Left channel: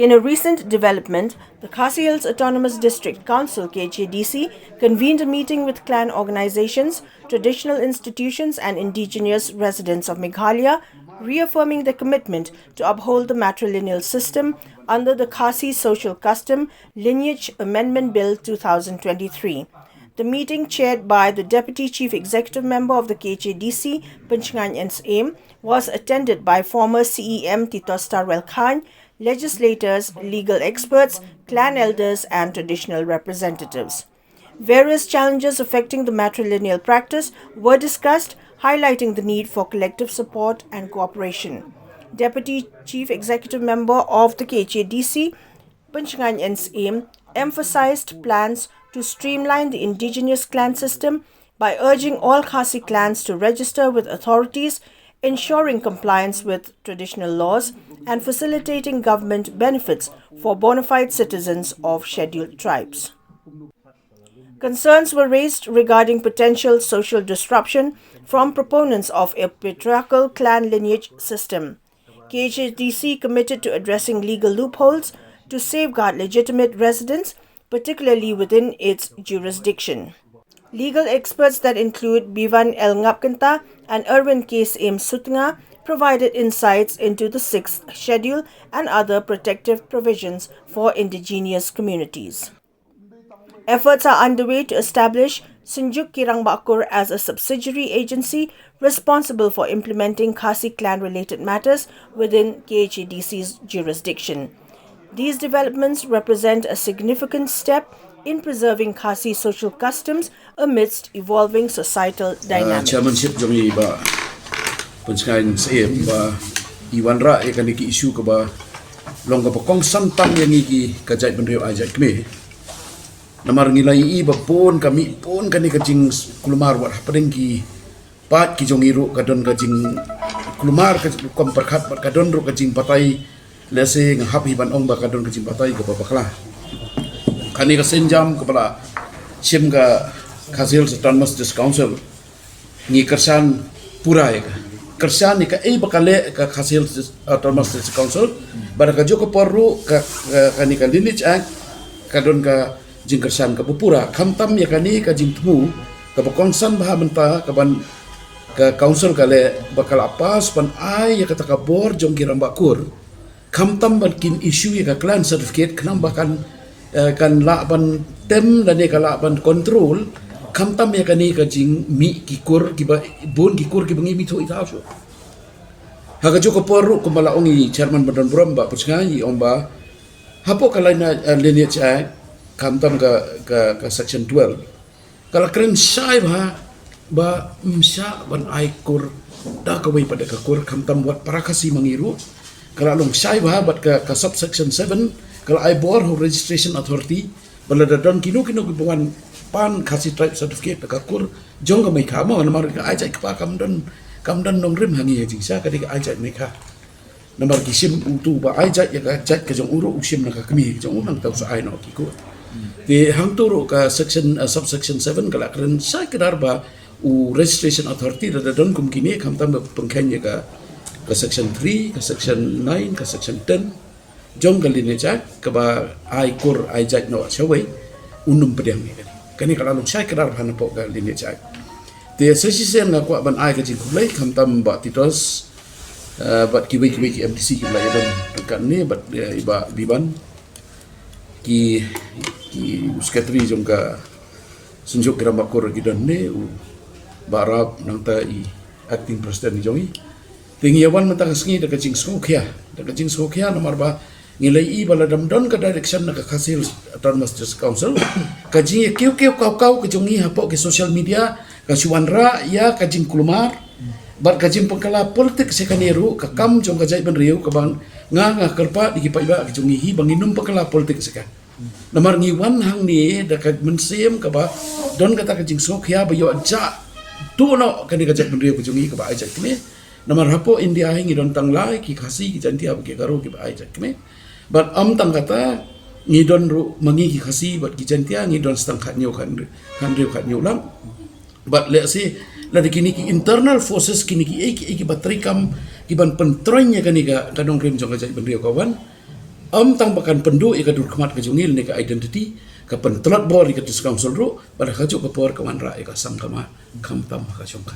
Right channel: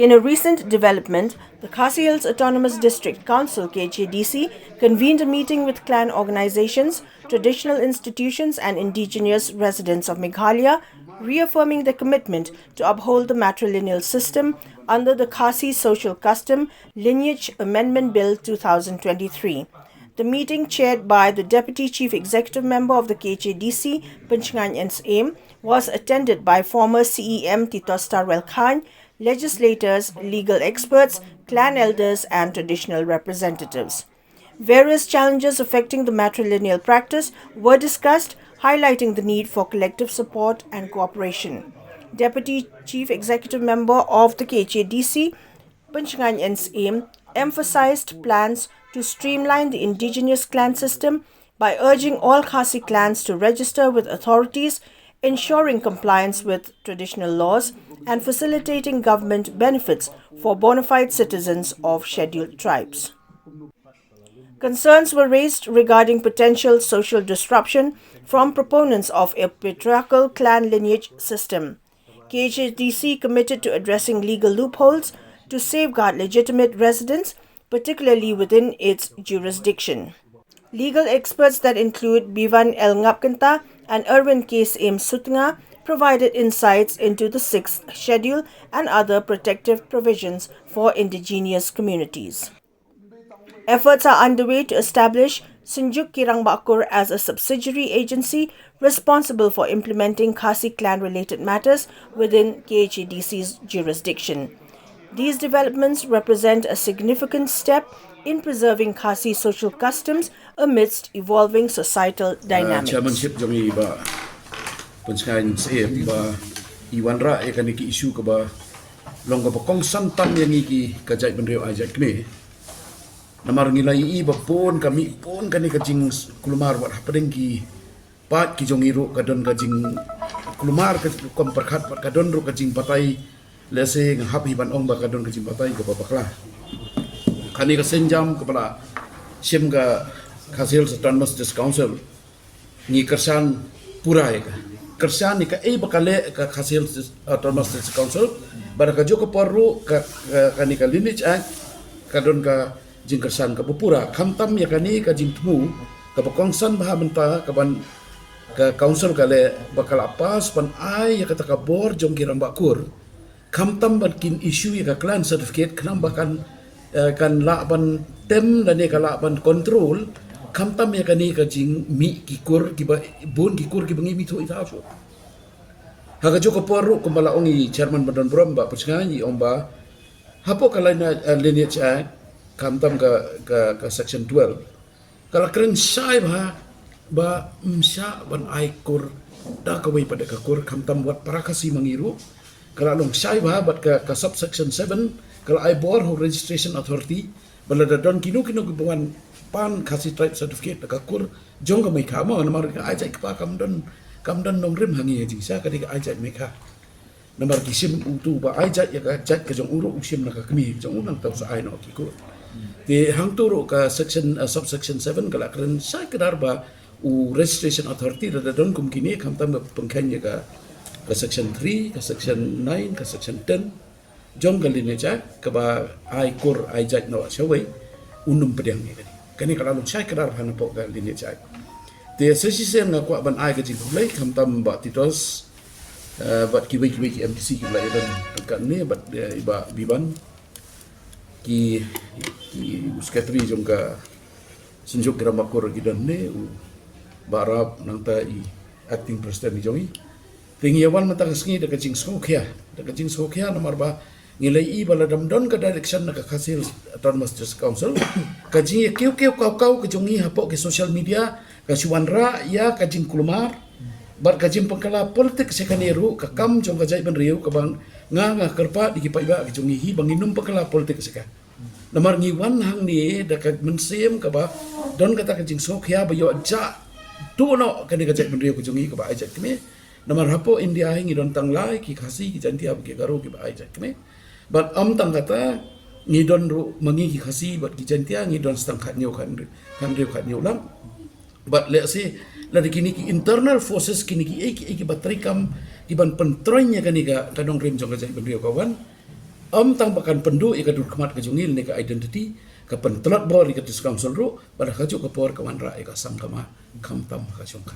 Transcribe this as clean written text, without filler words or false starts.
In a recent development, the Khasi Hills Autonomous District Council (KHDC) convened a meeting with clan organizations, traditional institutions and indigenous residents of Meghalaya, reaffirming their commitment to uphold the matrilineal system under the Khasi Social Custom Lineage Amendment Bill 2023. The meeting, chaired by the Deputy Chief Executive Member of the KHDC, Pynshngain N Syiem, was attended by former CEM Titosstarwell Chyne, legislators, legal experts, clan elders and traditional representatives. Various challenges affecting the matrilineal practice were discussed, highlighting the need for collective support and cooperation. Deputy Chief Executive Member of the KHDC, Pynshngain N Syiem, emphasized plans to streamline the indigenous clan system by urging all Khasi clans to register with authorities, ensuring compliance with traditional laws, and facilitating government benefits for bona fide citizens of scheduled tribes. Concerns were raised regarding potential social disruption from proponents of a patriarchal clan lineage system. KHDC committed to addressing legal loopholes to safeguard legitimate residents, particularly within its jurisdiction. Legal experts that include Bivan L. Ngapkanta and Erwin K. M. Sutnga provided insights into the 6th Schedule and other protective provisions for indigenous communities. Efforts are underway to establish Sunjuk Kirang Bakur as a subsidiary agency responsible for implementing Khasi clan-related matters within KHDC's jurisdiction. These developments represent a significant step in preserving Khasi social customs amidst evolving societal dynamics. Chairmanship jami ba Pynshngain N Syiem ba iwan ra ikan ki isu ke ba long ka pokong santang yang iki kajai benrio ajai kme namar ngilai i ba pon kami pon kani kajing kulumar wat padeng ki pat ki jongiru kadon kajing kulumar ke kom perkhat kadon ru kajing patai lese ngahap hiban ong ba kadon kajing patai ke babaklah kani ka senjam kepala sim ka Khasi Hills Autonomous District Council ni kersan purai kersan ni ka bakale ka Khasi Hills Autonomous District Council pada ka joko porru ka kani ka Lineage Act kadon ka jing kersan ka pupura kamtam ya kani ka jing temu ka konsan bah menta ka ban ka council kale bakal apas pan ai ya kata ka bor jong kiram bakur kamtam ban kin issue ka clan certificate kenam bakan kan laban tem dan ka laban control kamtam ya kani ka jing mi kikur kiba bon kikur kibangi mi tu itaso haga joko porru kumala ongi chairman badan brom ba Pynshngain omba hapo kala na Lineage Act kamtam ka section 12 kala kren sai ba msya ban aikur da kawai pada kakur kamtam buat parakasi mangiru kala long sai bat ka subsection 7 kalau I bor ho registration authority balada don kinu hubungan pan Khasi tribe certificate kakur jong ka mai khama namar ka ajai ka kamdan nong rim hangi jing sa ka ajai mai kha namar kisim tu ba ajai ya ka jat ka jong uru usim na ka kami jong unang tau sa ai no kiku di hang tu ka section subsection 7 kala kren sai kedar ba u registration authority da don kum kini kamtam pengkhen ya ka section 3 ka section 9 ka section 10 jom kali ni cak keba ai kur ai jat no chawai unum pedang ni kani kalau saya kedar han pok kali ni cak te sesi sen na kwa ban ai ka jing kulai kamtam ba titos bat kiwi ki MTC ki la yadan kan ni bat iba biban ki sekretari jom ka sunjuk kira makur gidan ni barab nang ta i acting president ni jongi tingi yawan mentang sengi da kajing skukia nomor ba ngilai i bala damdon ka direction na ka Khasi Hills Autonomous District Council kajing kiu kau kajongi hapo ke social media ka suwanra ya kajing kulumar bat kajing pengkala politik sekaniru ka kam jong kajai ben riu ka bang nga kerpa di kipai ba kajongi hi banginum pengkala politik seka namar ngiwan hang ni da ka mensiem ka ba don kata kajing skukia ba yo aja tu no kani kajai ben riu kajongi ka ba aja kini namar hapo India hingi don tanglai ki Khasi ki jantia ke garo ki ba aja kini but tang kata ni don ru mangi ki Khasi but ki jantia ni don stang khat nyo kan lang but let's say la kini ki internal forces kini ki batrikam ki ban pentroinya kani ka kadong rim jong ajai benrio kawan tang bakan pendu ika dur kemat ke jungil ni ke identity ke pentelat bor ika dis council ru pada kajuk ke por ke manra ika sam kama kam tam ka chung